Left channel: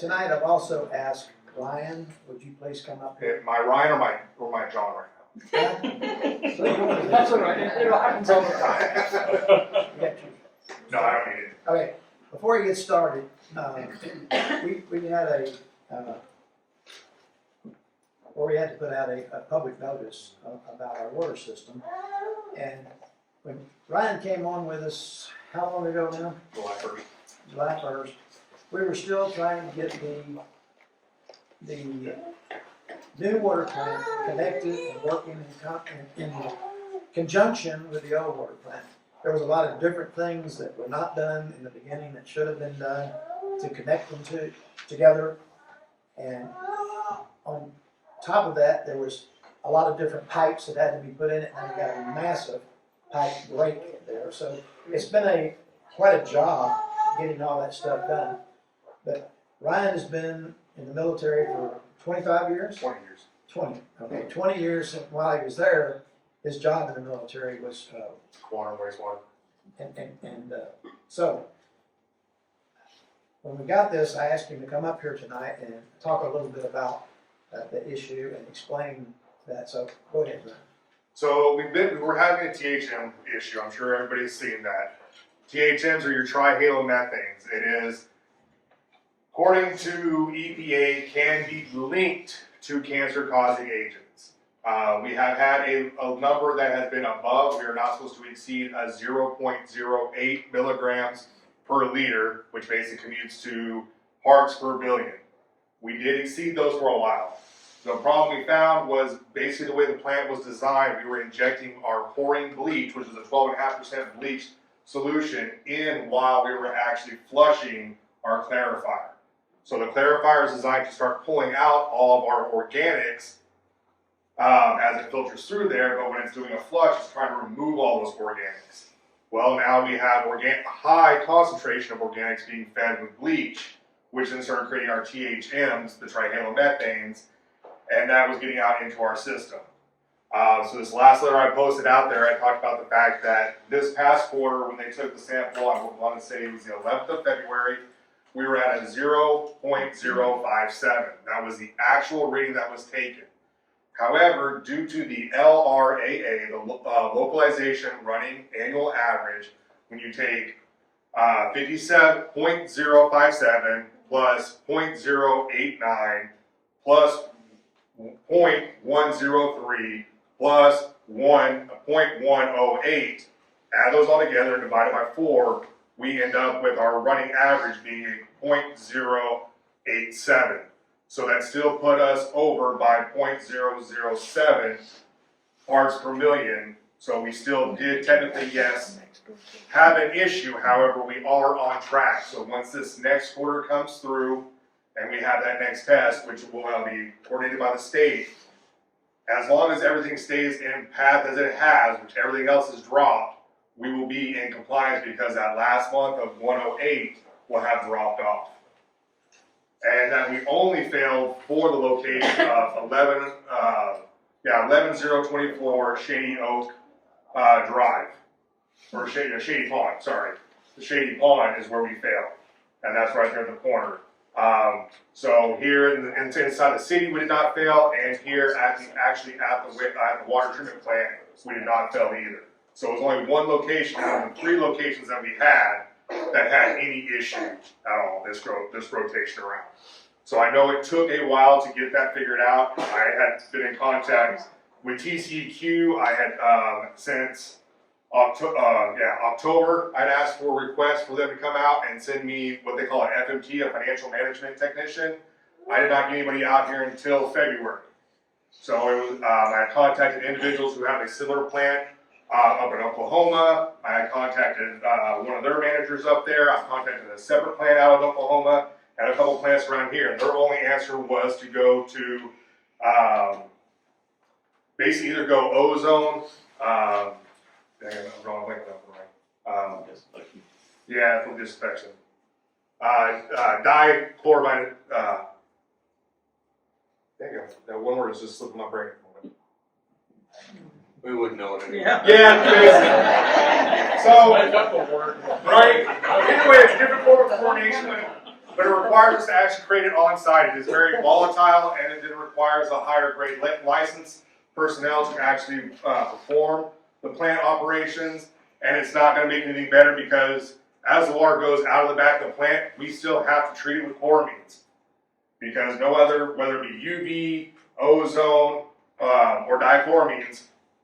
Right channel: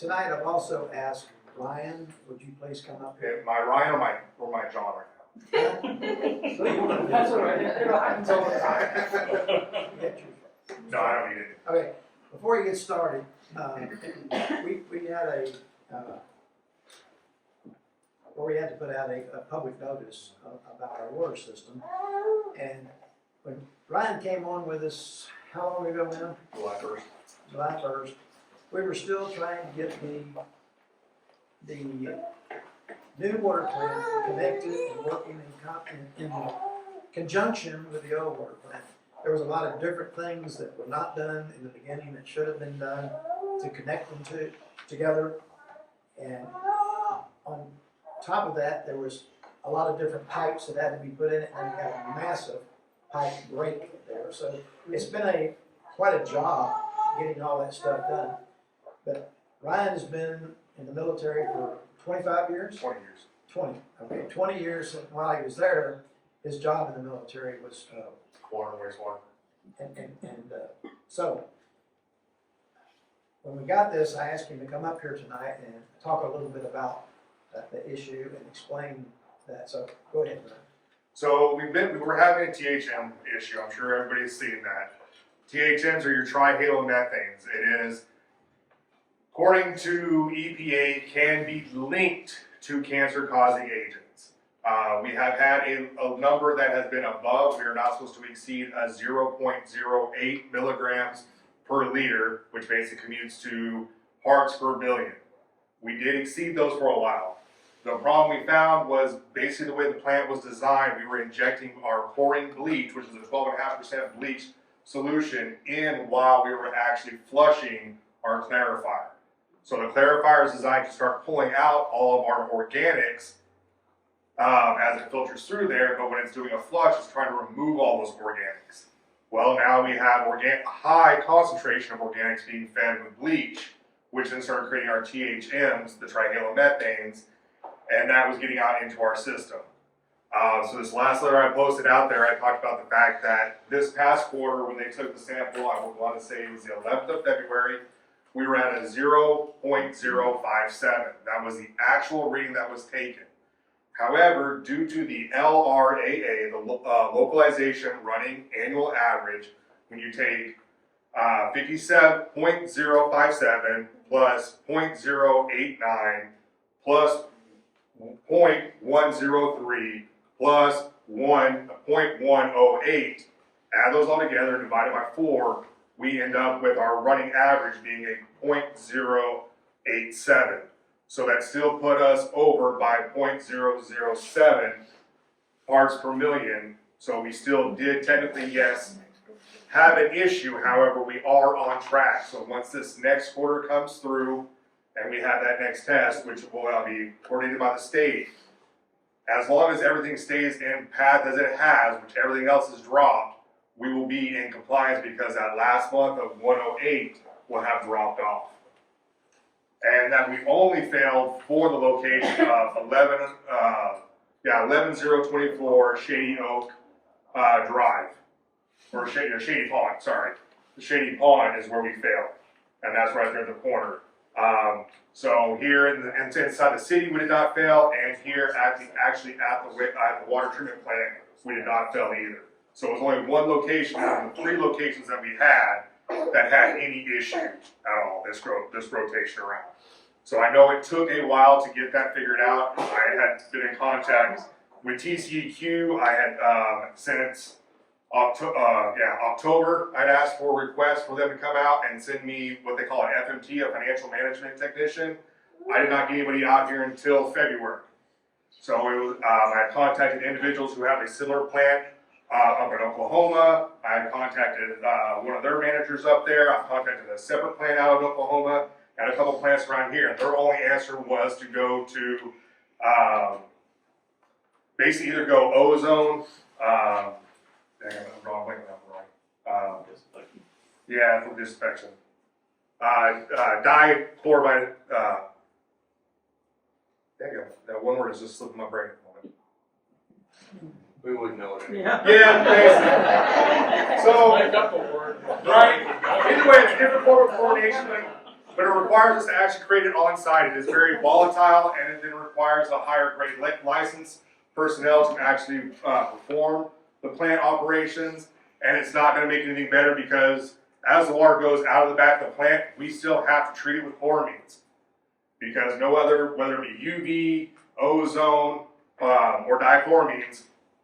tonight I've also asked Ryan, would you please come up here? Am I Ryan or my John right now? So you want to do That's this? all right, it happens all the time. Get you. No, I don't need it. Okay, before you get started, we had we had to put out a public notice about our water system. And when Ryan came on with us, how long ago now? July 1st. July 1st. We were still trying to get the new water plant connected and working in conjunction with the old water plant. There was a lot of different things that were not done in the beginning that should have been done to connect them together. And on top of that, there was a lot of different pipes that had to be put in it, and we got a massive pipe break there. So it's been quite a job getting all that stuff done. But Ryan has been in the military for 25 years? 20 years. 20, okay, 20 years. While he was there, his job in the military was, Water and wastewater. so when we got this, I asked him to come up here tonight and talk a little bit about the issue and explain that. So go ahead, Ryan. So we were having a THM issue. I'm sure everybody's seen that. THMs are your trihalomethanes. It is, according to EPA, can be linked to cancer-causing agents. We have had a number that has been above. We are not supposed to exceed a 0.08 milligrams per liter, which basically commutes to parts per billion. We did exceed those for a while. The problem we found was basically the way the plant was designed. We were injecting our chlorine bleach, which is a 12.5% bleach solution, in while we were actually flushing our clarifier. So the clarifier is designed to start pulling out all of our organics as it filters through there, but when it's doing a flush, it's trying to remove all those organics. Well, now we have a high concentration of organics being fed with bleach, which then started creating our THMs, the trihalomethanes, and that was getting out into our system. So this last letter I posted out there, I talked about the fact that this past quarter, when they took the sample, I would want to say it was the 11th of February, we were at a 0.057. That was the actual reading that was taken. However, due to the LRAA, the localization running annual average, when you take 57.057 plus 0.089 plus 0.103 plus 1.108, add those all together and divide it by 4, we end up with our running average being a 0.087. So that still put us over by 0.007 parts per million. So we still did technically, yes, have an issue. However, we are on track. So once this next quarter comes through and we have that next test, which will be coordinated by the state, as long as everything stays in path as it has, which everything else is dropped, we will be in compliance because that last month of 108 will have dropped off. And that we only failed for the location of 11024 Shady Oak Drive, or Shady Pond, sorry. The Shady Pond is where we failed, and that's right there in the corner. So here inside the city we did not fail, and here at the water treatment plant we did not fail either. So it was only one location out of the 3 locations that we had that had any issue at all this rotation around. So I know it took a while to get that figured out. I had been in contact with TCEQ. I had since October, I'd asked for a request for them to come out and send me what they call an FMT, a financial management technician. I did not get anybody out here until February. So it was, I had contacted individuals who have a similar plant up in Oklahoma. I had contacted one of their managers up there. I contacted a separate plant out of Oklahoma and a couple plants around here. And their only answer was to go to basically either go ozone. Dang, I'm wrong. Yeah, for disinfection. Dichloride. Dang it, that one word is just slipping my brain. We wouldn't know it anyway. Yeah, crazy. So, I got the word. right. Anyway, it's a different form of chlorination, but but it requires us to actually create it on site. It is very volatile, and it then requires a higher grade license personnel to actually perform the plant operations, and it's not going to make anything better because as the water goes out of the back of the plant, we still have to treat it with chloramines because no other, whether it be UV, ozone, or dichloramines,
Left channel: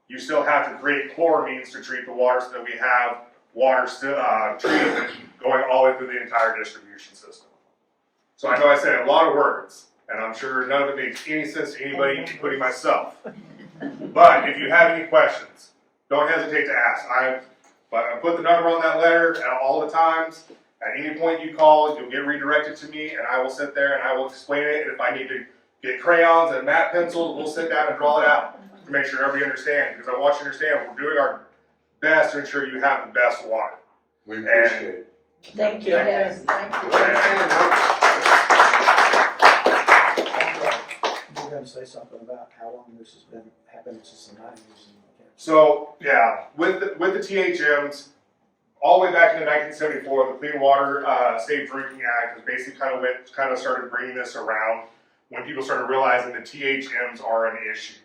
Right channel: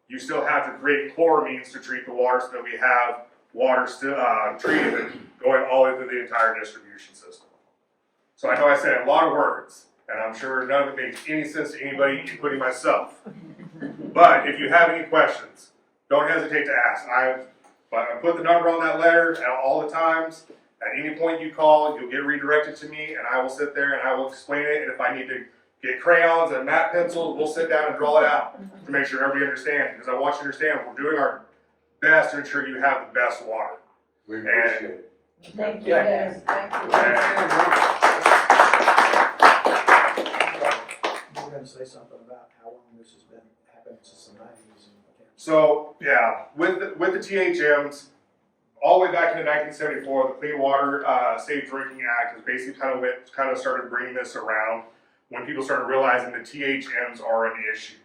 you still have to create chloramines to treat the water so that we have water still treated going all the way through the entire distribution system. So I know I said a lot of words, and I'm sure none of it makes any sense to anybody, including myself. But if you have any questions, don't hesitate to ask. I put the number on that letter at all the times. At any point you call, you'll get redirected to me, and I will sit there and I will explain it. And if I need to get crayons and matte pencils, we'll sit down and draw it out to make sure everybody understands. Because I want you to understand we're doing our best to ensure you have the best water. We appreciate it. Thank you. Yes. You're gonna say something about how long this has been happening since the 90s. So yeah, with the THMs, all the way back into 1974, the Clean Water Safe Drinking Act is basically kind of started bringing this around when people started realizing the THMs are an issue.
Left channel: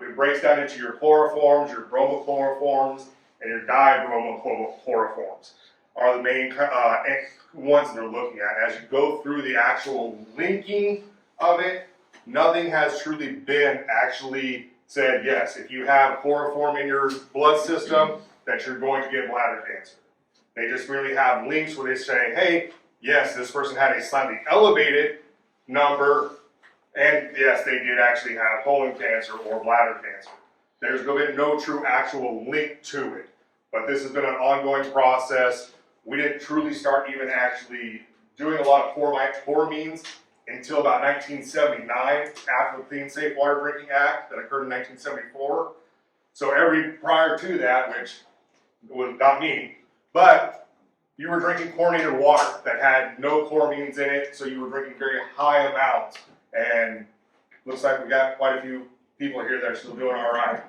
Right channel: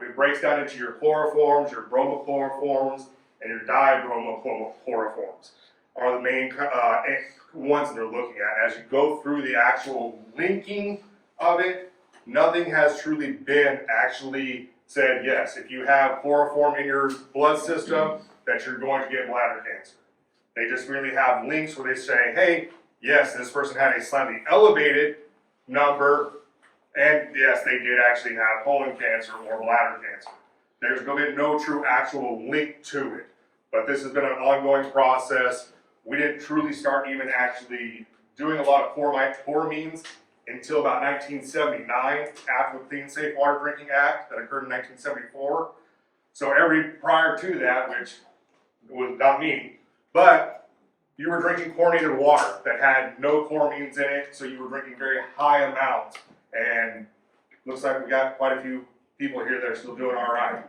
It breaks down into your chloroforms, your bromochloroforms, and your dibromochloroforms are the main ones that they're looking at. As you go through the actual linking of it, nothing has truly been actually said, yes, if you have chloroform in your blood system, that you're going to get bladder cancer. They just really have links where they say, hey, yes, this person had a slightly elevated number, and yes, they did actually have colon cancer or bladder cancer. There's been no true actual link to it, but this has been an ongoing process. We didn't truly start even actually doing a lot of chloramines until about 1979, after the Clean Safe Water Drinking Act that occurred in 1974. So prior to that, which was not me, but you were drinking chlorinated water that had no chloramines in it, so you were drinking very high amounts. And looks like we got quite a few people here that are still doing all right.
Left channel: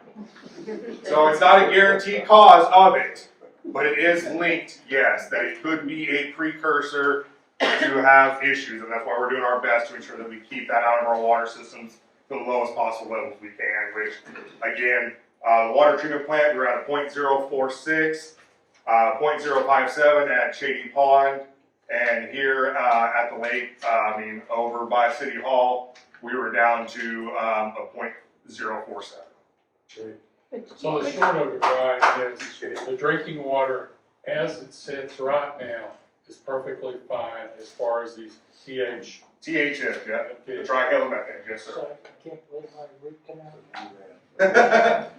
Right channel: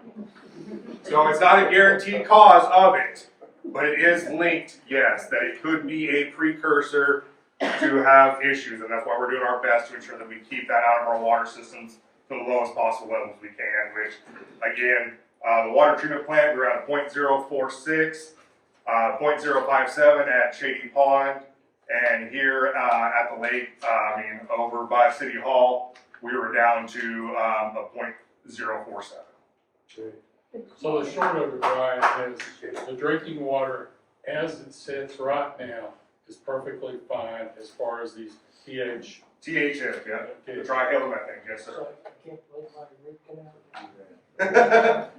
So it's not a guaranteed cause of it, but it is linked, yes, that it could be a precursor to have issues, and that's why we're doing our best to ensure that we keep that out of our water systems to the lowest possible levels we can, which, again, the water treatment plant, we're at a 0.046, 0.057 at Shady Pond, and here at the lake, over by City Hall, we were down to a 0.047. So the short of it, Brian, is the drinking water as it sits right now is perfectly fine as far as these THMs, yeah, the trihalomethanes, yes, sir. I can't believe my root canal.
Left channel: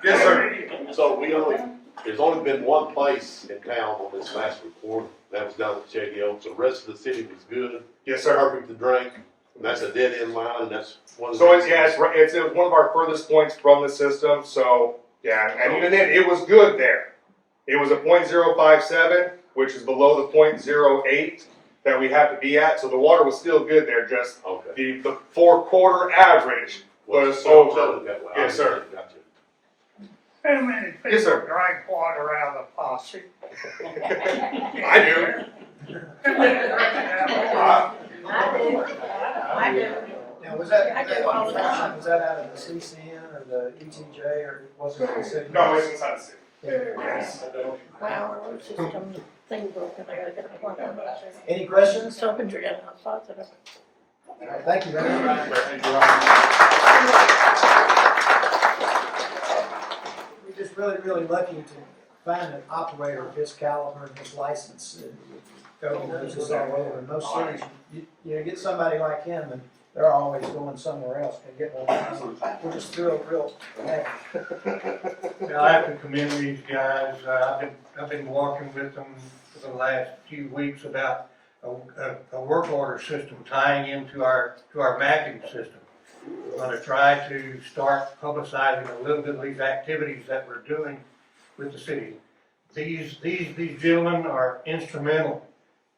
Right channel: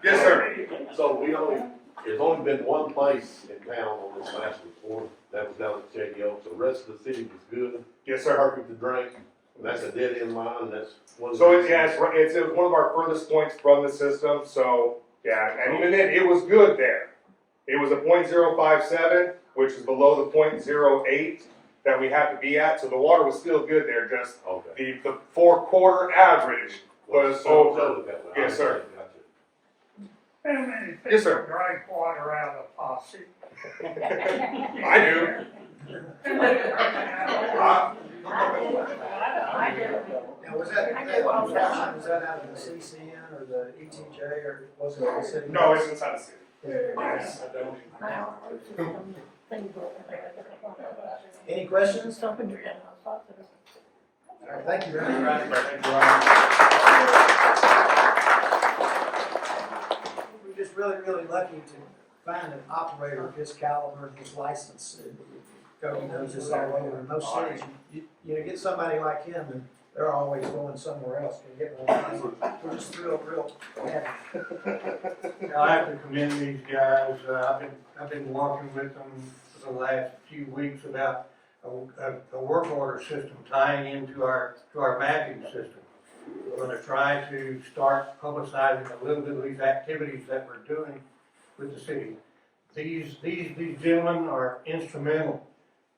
Yes, sir. So there's only been one place in town on this last report, that was down at Shady Oak, so the rest of the city was good. Yes, sir. Perfect to drink, and that's a dead end line, and that's one of the. So it's one of our furthest points from the system, so, yeah, and even then, it was good there. It was a 0.057, which is below the 0.08 that we have to be at, so the water was still good there, just Okay. the 4-quarter average was over. Yes, sir. Gotcha. How many people Yes, sir. drink water out of the faucet? I do. I do. Now, was that out of the CCN or the ETJ, or was it the city? No, it's inside the city. Yes. Well, it's just some thing broken, I gotta get the plug out. Any questions? So open your head, I thought that. All right, thank you very much. We're just really lucky to find an operator of his caliber and his license. Cody knows this all over. In most cities, you get somebody like him, and they're always going somewhere else to get one. We're just real happy. I have to commend these guys. I've been working with them for the last few weeks about a work order system tying into our mapping system. We're going to try to start publicizing a little bit of these activities that we're doing with the city. These gentlemen are instrumental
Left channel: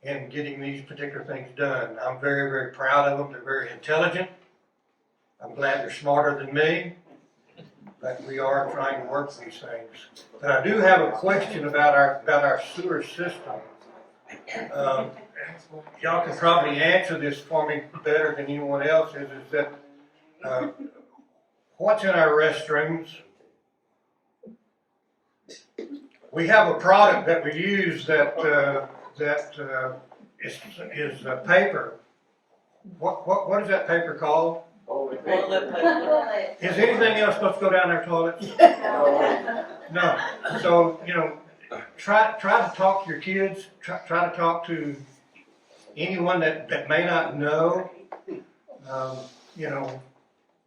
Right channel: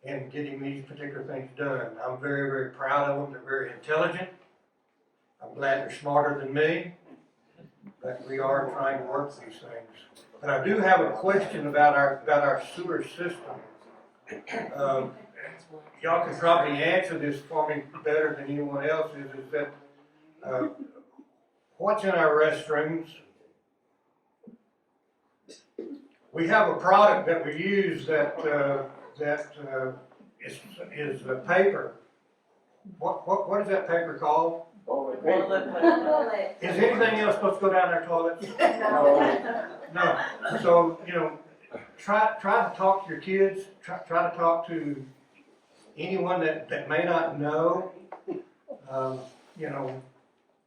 in getting these particular things done. I'm very proud of them. They're very intelligent. I'm glad they're smarter than me, but we are trying to work these things. But I do have a question about our sewer system. y'all can probably answer this for me better than anyone else, is that, what's in our restrooms? We have a product that we use that is paper. What is that paper called? Is anything else supposed to go down our toilets? No. So, try to talk to your kids, try to talk to anyone that may not know.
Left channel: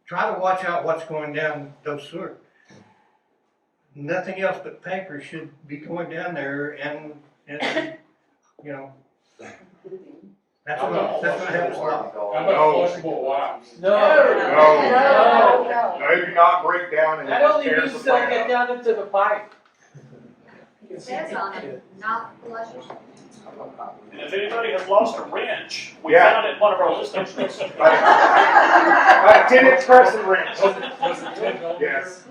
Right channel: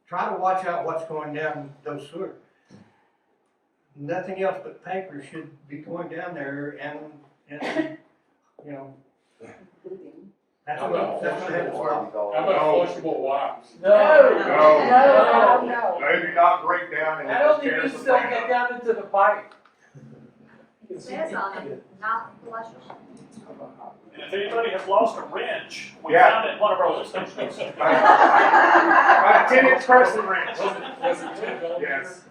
Try to watch out what's going down those sewers. Nothing else but paper should be going down there and that's what happens a lot. How about flushable wipes? No. No. No, do not break down and Not just only tear needs the to plant get up. down into the pipe. It says on it, not flushable. If anybody has lost a wrench, we Yeah. found it in one of our listings recently. About a 10-inch crescent wrench. Was it $10? Yes.